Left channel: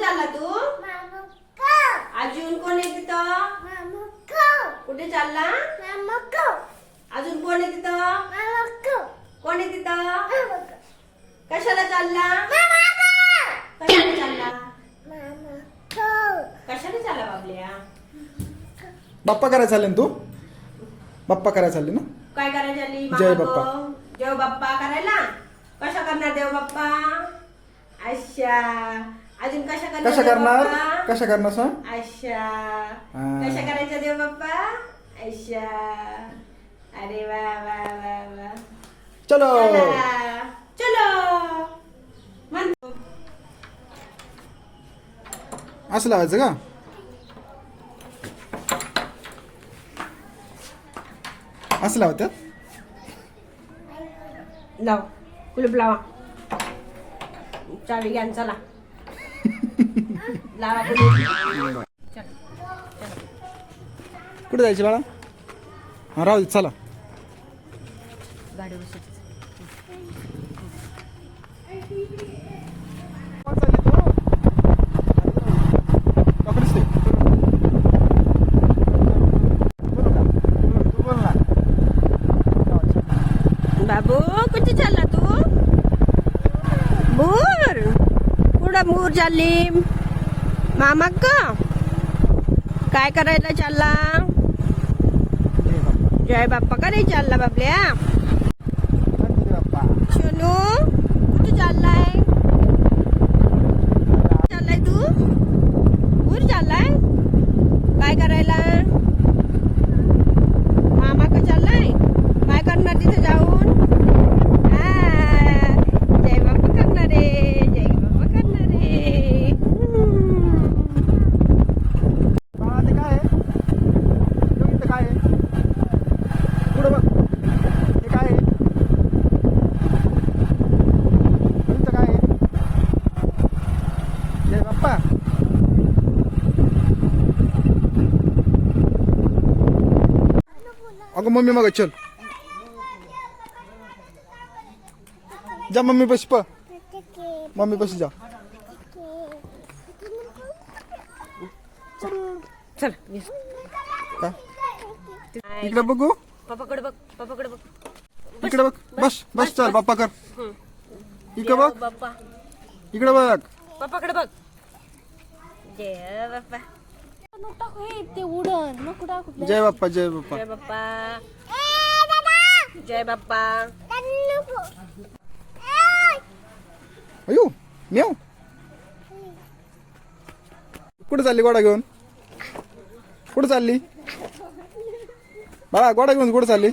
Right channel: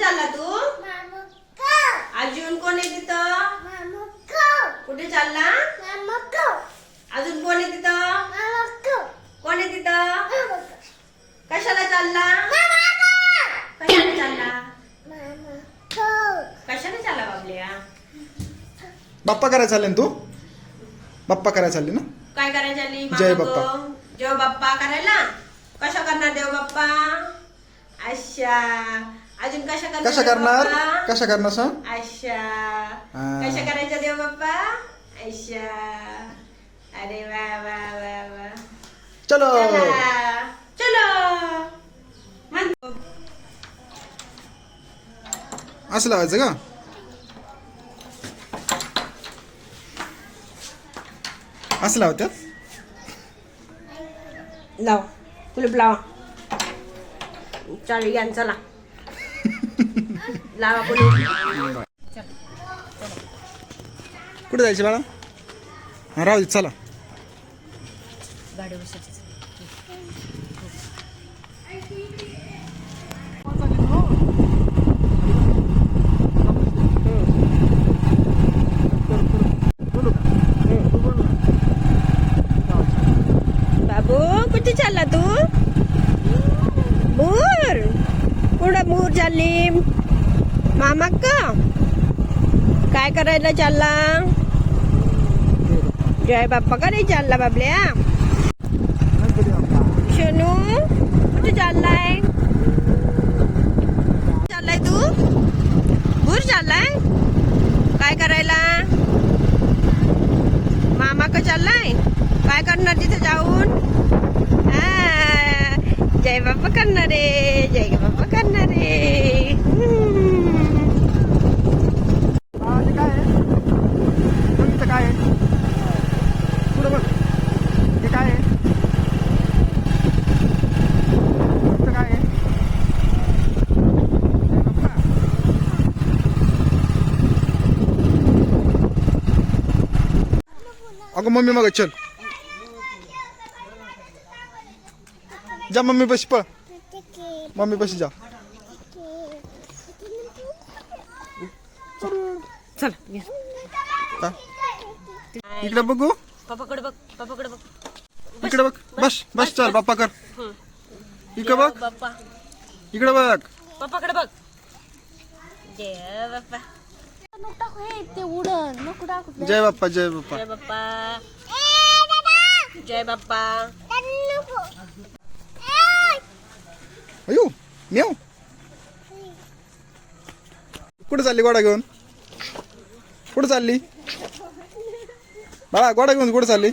चालला तू? अजून कोण आहे तिथं? कुठे चालला? अजून कोण आहे तिथं? कोण आहे तिथं? कशाला चालला? कशाला चालला? कशाला चालला बाबल्या? बाप्पा करायला चालले ना तू? बाप्पा करायला चालले ना? काय करायला चालली? जय बाप्पा. जय बाप्पा करायला? कशा करणार देव बाप्पा? अच्छा. अजून कशा करणार? कशा करणार? कशा करणार सांग? अच्छा. हा. कशा करायच्या देव बाप्पा? अच्छा. अरे वा वा वा वा. चलो चला. चलो. म्हणतो. असं लावायचं का? असं लावत्यात? लाव. कुलूप लावा. चालू घ्या चला. लावा कुलूप. कुठे जायचे बाळा? हा राहू दे चला. गाडी बसायची. बाबू कुठे चालला तू? मूर कुठं मूर चालली? मामा का काय करायला चालला? जय बाप्पा का नाही चालला बाबल्या? शनू कुठे चाललाय? चाललाय तू? मूर चाललाय? काय करायला? मामा का चाललाय? काय करणार तिथे जाऊन? जय बाप्पा करणार रे. जय बाप्पा करणार रे. अगं मम्मी मग चल जा मम्मी बस पळ मम्मी बस जा चल का इकडे बघू पापाकडे बघ. पापाकडे बघ. इकडे बघ बस बस चल बाप्पा कर इकडे बघ बाप्पा इकडे बघ पापाकडे बघ. जय बाप्पा. जय बाप्पा जय बाप्पा जय बाप्पा. जय बाप्पा. अयो म्याव कुठे चालली गोडा घेऊन? कुठे चालली बाळा? गोडा घेऊन कुठे चालली?